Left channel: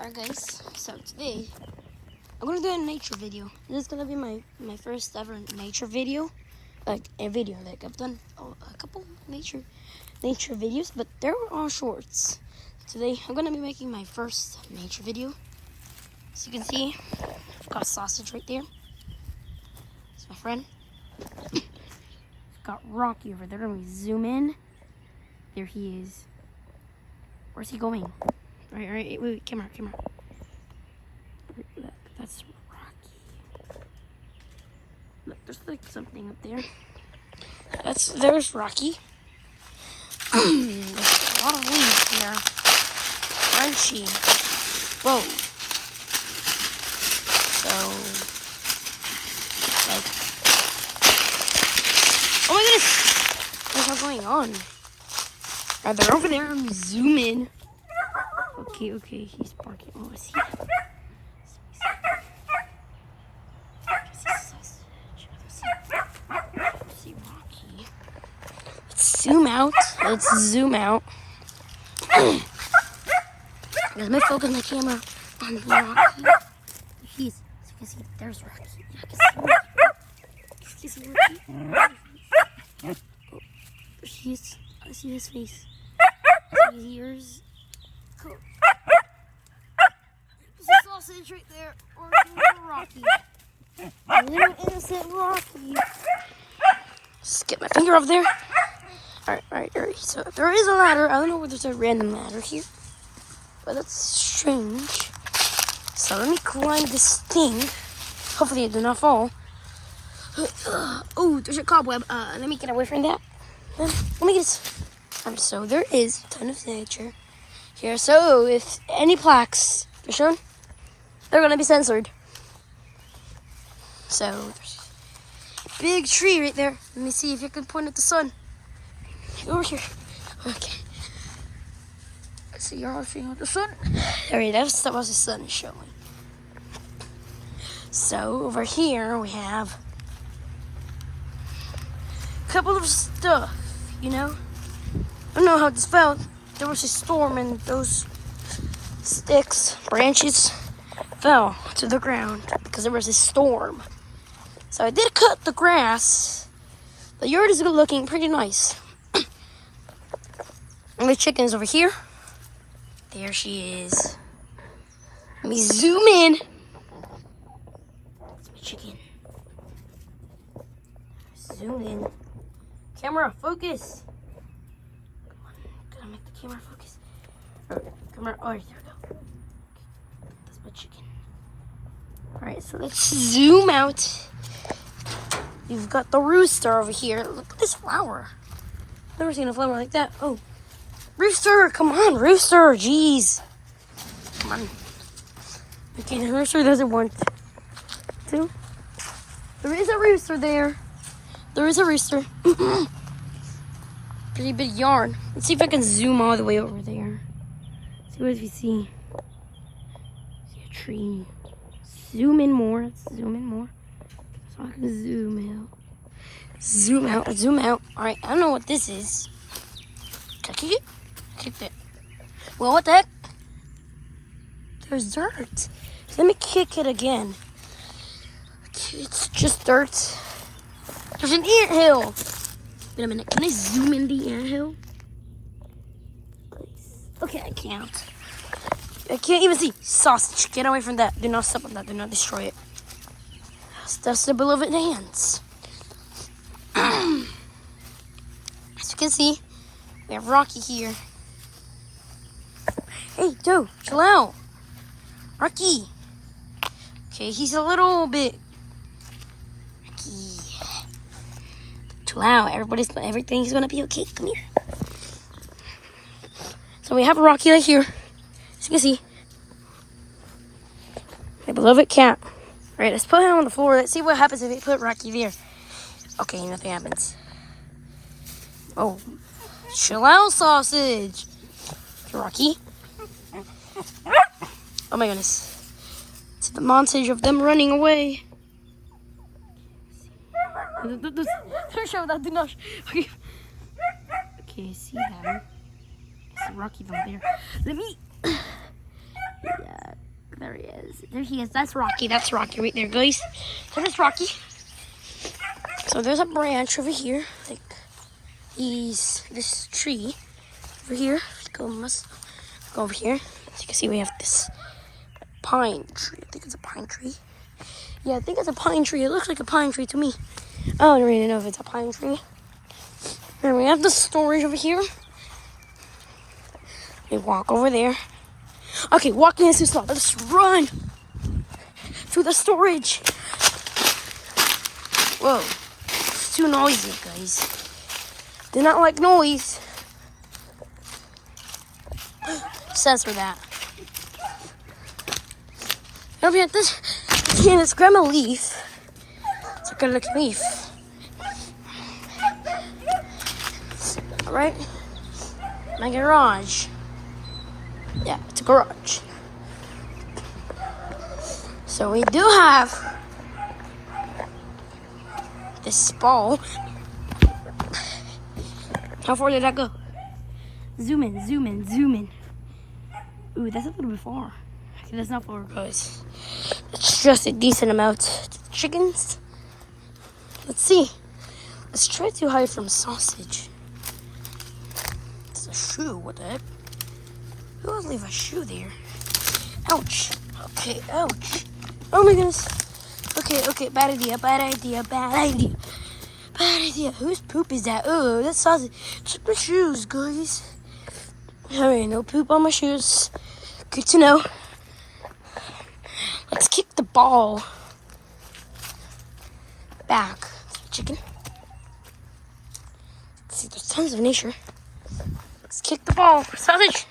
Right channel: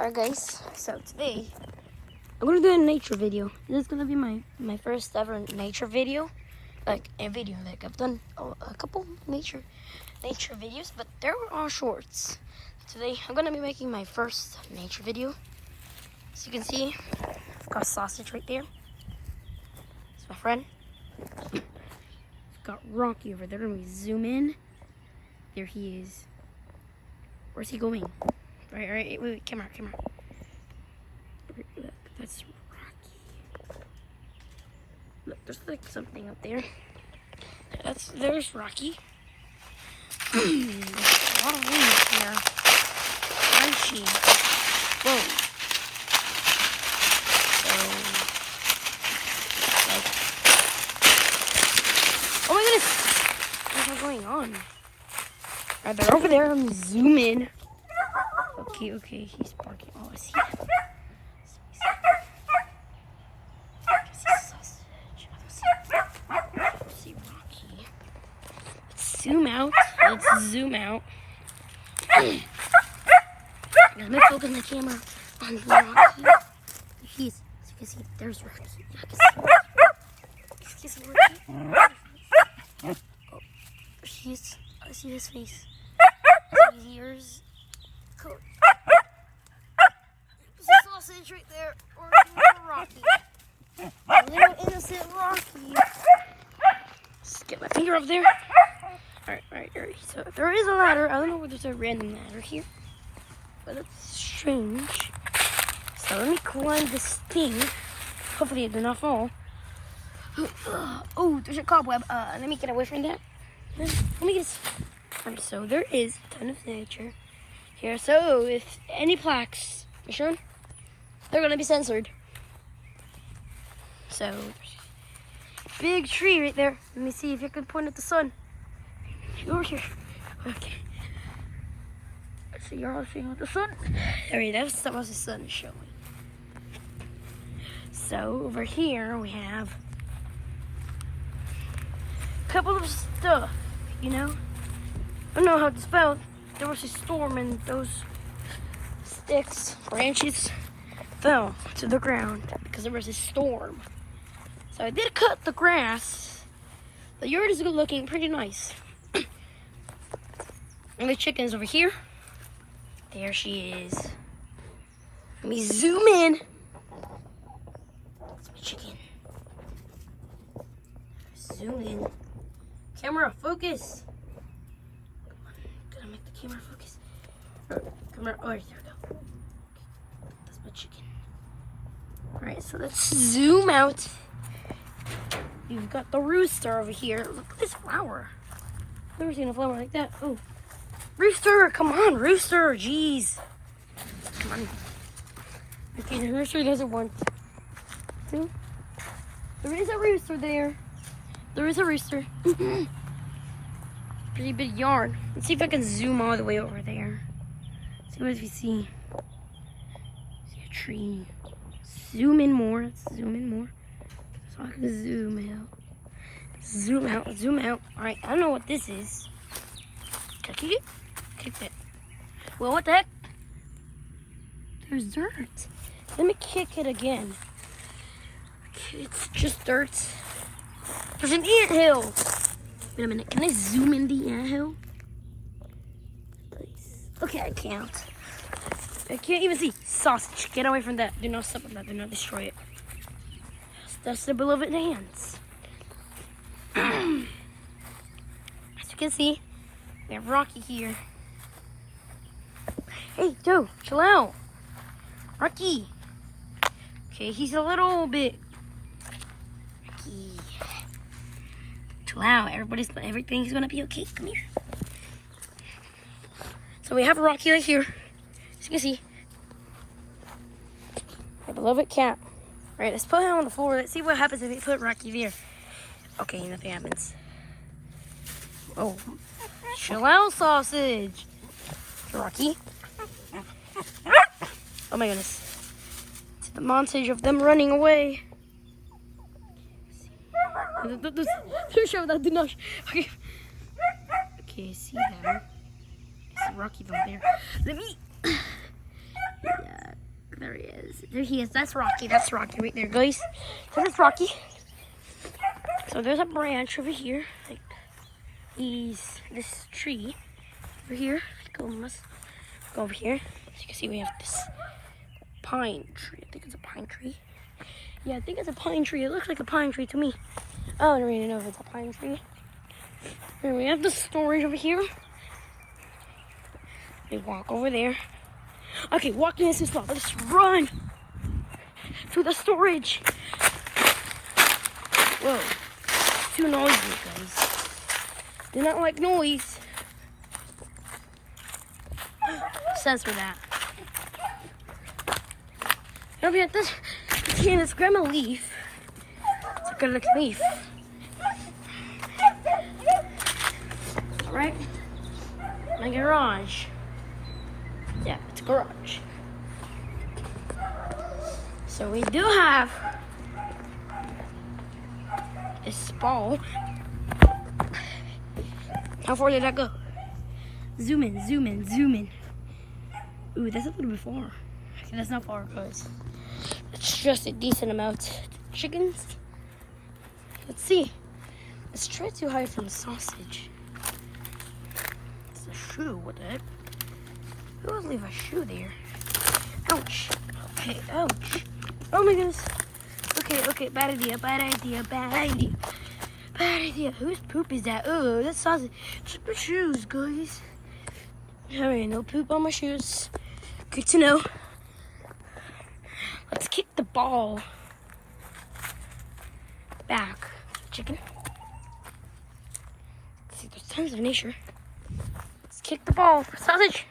Alright guys, so today I'm gonna do a nature video. This is gonna be my first ever nature video. Like a video, like I've done a couple nature videos, but they're all shorts. Today I'm gonna be making my first nature video. As you can see, I've got a sausage right there. It's my friend. I've got Rocky over there. Let me zoom in. There he is. Where's he going? Right, wait, camera. Look, that's Rocky. Look, there's like something up there. There's Rocky. There's a lot of leaves here. Crunchy. Whoa. So, like, oh my goodness! What's all going on? They're over there. I'm zooming. Okay, he's barking. Oh, I see him. I see Rocky. Let's zoom out. Let me focus my camera on Rocky. As you can see, there's Rocky. You see Rocky? Oh, I see his face. I see his ears. Cool. There's a sausage right there. Or Rocky. A little innocent Rocky. Just get my finger off there. Alright. So there is a ladder. I don't know whether there's a random ladder here, but that's strange. So let me climb this thing. Hopefully I do not fall. Oh, there's a cobweb. Let me get away from that. Let me get this. So there is a ton of nature here. So if any plaques are shown, they're gonna be censored. So there's a big tree right there. Let me see if you can point at the sun. Over here. Okay. So you're all seeing the sun. Alright, that's what the sun is showing. So over here we have a couple of stuff, you know. I don't know how this felt. There was a storm and those branches fell to the ground because there was a storm. So I did cut the grass. The yard is looking pretty nice. My chicken is over here. There she is. Let me zoom in. That's my chicken. Zoom in. Camera, focus. Gotta make the camera focus. Camera, oh, there we go. That's my chicken. Alright, so let's zoom out. You've got the rooster over here. Look at this flower. I've never seen a flower like that. Oh. Rooster, come on, rooster, jeez. Come on. Okay, the rooster doesn't want to. There is a rooster there. There is a rooster. Pretty big yard. Let's see if I can zoom all the way over there. See what we see. See a tree. Zoom in more. Let's zoom in more. So I can zoom out. Zoom out. Alright, I don't know what this is. Can I kick it? Kick it. Well, what the heck? There's dirt. Let me kick it again. Okay, it's just dirt. There's an anthill. Wait a minute. Can I zoom in the anthill? Please. Okay, I can't. I can't even see. Sausage. Get away from that. Do not step on that. Do not destroy it. That's the beloved hands. As you can see, we have Rocky here. Hey, Joe, chill out. Rocky. Okay, he's a little bit. Rocky. Chill out. Everything's gonna be okay. Come here. So we have Rocky right here. As you can see. My beloved cat. Alright, let's put him on the floor. Let's see what happens if we put Rocky there. Okay, nothing happens. Oh. Chill out, sausage. Rocky. Oh my goodness. It's the montage of them running away. Show that, do not. Okay, I see them. I see Rocky over there. Let me. Yeah. There he is. There he is. That's Rocky. That's Rocky right there, guys. So that's Rocky. So there's a branch over here. Like this tree over here. Let's go over here. As you can see, we have this pine tree. I think it's a pine tree. Yeah, I think it's a pine tree. It looks like a pine tree to me. I don't really know if it's a pine tree. And we have the storage over here. We walk over there. Okay, walking is too slow. Let's run to the storage. Whoa, it's too noisy, guys. Do not like noise. Says for that. Over here, this can is grandma leaf. It's a good looking leaf. Alright, my garage. Yeah, it's a garage. So we do have this ball. How far did that go? Zoom in, zoom in, zoom in. Ooh, that's a little bit far. Okay, that's not far, guys. It's just a decent amount. Chickens. Let's see. Let's try to hide from sausage. It's a shoe. What the heck? Who would leave a shoe there? Ouch. Okay, ouch. Oh my goodness. Okay, bad idea, bad idea, bad idea. Bad idea. Whose poop is that? Oh, that's sausage. Check my shoes, guys. Alright, no poop on my shoes. Good to know. Let's kick the ball back. Chicken. Let's see, there's tons of nature. Let's kick the ball. Sausage!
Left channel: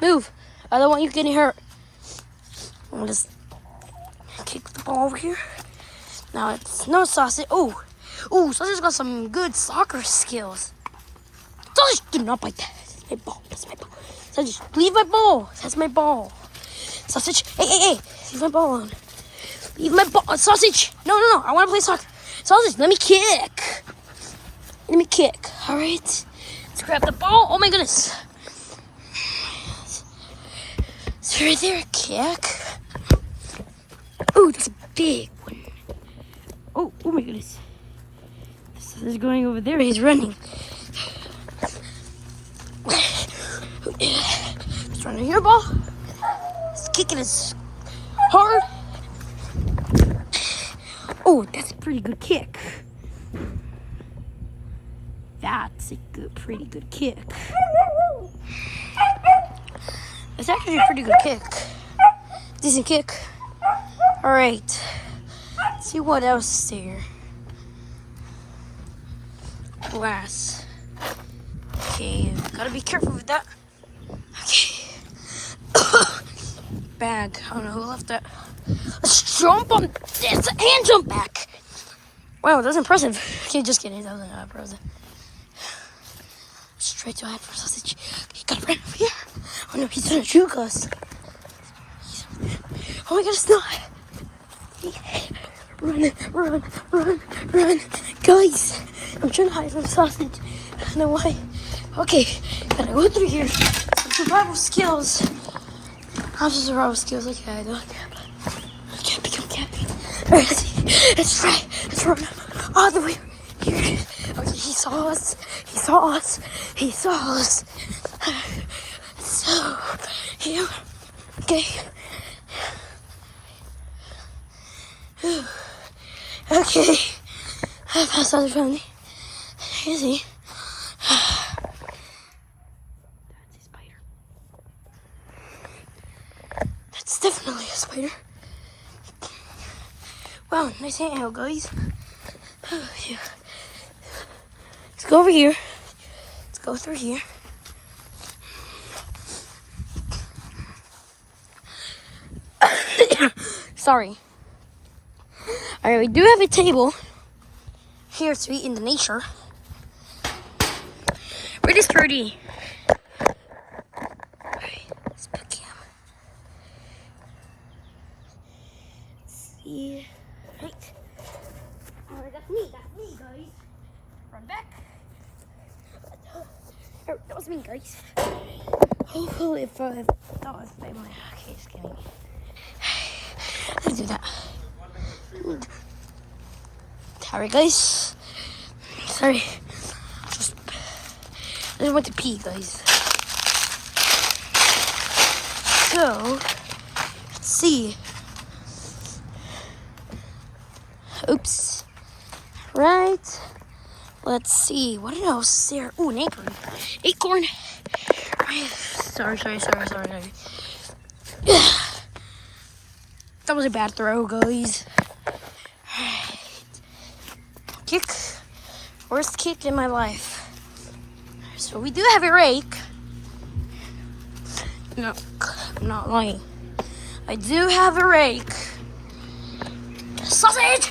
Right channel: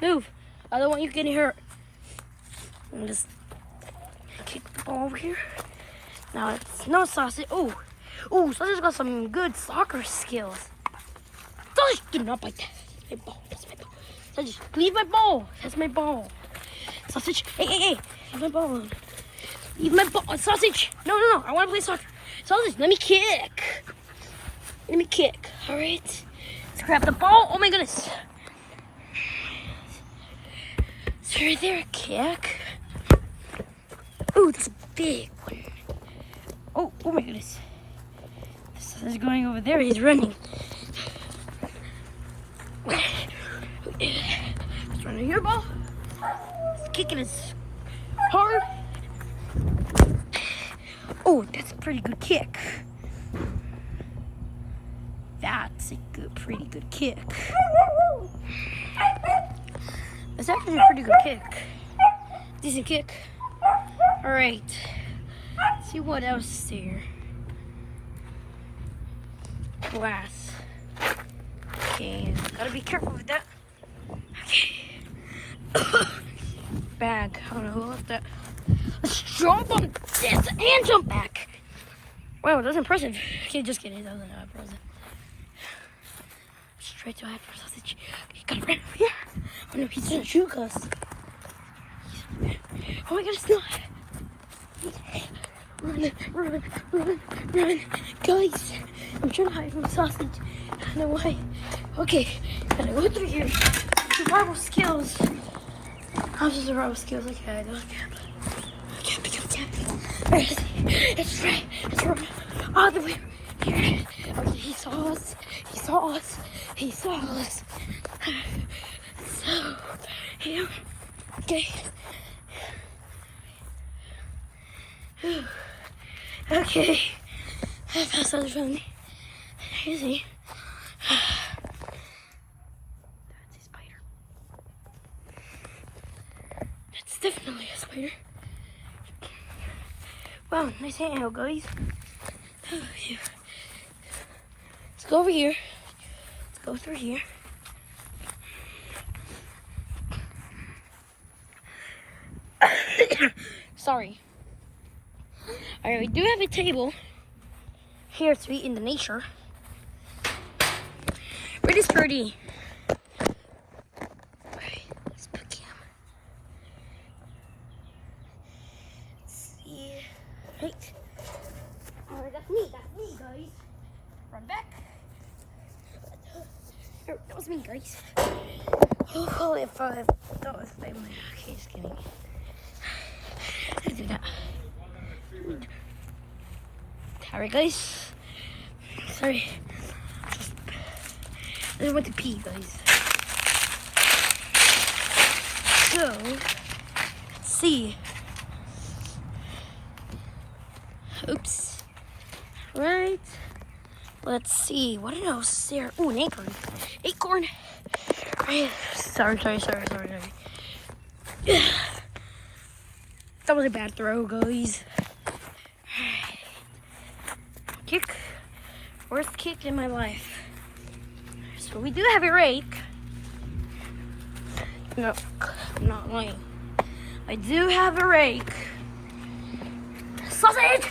Move. I don't want you getting hurt. I'll just kick the ball over here. Now it's no sausage. Oh, sausage got some good soccer skills. Sausage, do not bite that. That's my ball. That's my ball. Sausage, leave my ball. That's my ball. Sausage, hey. Leave my ball on. Leave my ball. Sausage. No. I want to play soccer. Sausage, let me kick. All right. Let's grab the ball. Oh my goodness. It's right there. Kick. Oh, that's a big one. Oh my goodness. He's going over there. He's running. He's running here, ball. He's kicking us hard. Oh, that's a pretty good kick. That's a pretty good kick. It's actually a pretty good kick. Decent kick. All right. Let's see what else is there. Glass. Okay, gotta be careful with that. Bag. I don't know who left that. Let's jump on this and jump back. Wow, that's impressive. Okay, just kidding. That wasn't impressive. Straight to hide for sausage. He got right over here. Oh no, he's gonna juke us. Oh my god, it's not. Run. Guys, I'm trying to hide from sausage. I don't know why. Okay, gotta go through here. Some survival skills. How's the survival skills? Okay, I don't care. Alright, let's try. Let's run all the way. Okay, he saw us. So, here. Okay. Okay. I passed out the front. Is he? That's a spider. That's definitely a spider. Wow, nice anthill, guys. Yeah. Let's go over here. Let's go through here. Sorry. Alright, we do have a table here to eat in the nature. Pretty sturdy. Alright, let's put him. Let's see. Right. Alright, that's me, guys. Run back. That was me, guys. Oh, if that was family. Okay, just kidding. that. Sorry, guys. Sorry. I just went to pee, guys. So, let's see. Oops. Right. Let's see. What else is there? Oh, an acorn. Acorn. Sorry. That was a bad throw, guys. Kick. Worst kick in my life. So we do have a rake. No, I'm not lying. I do have a rake. Sausage!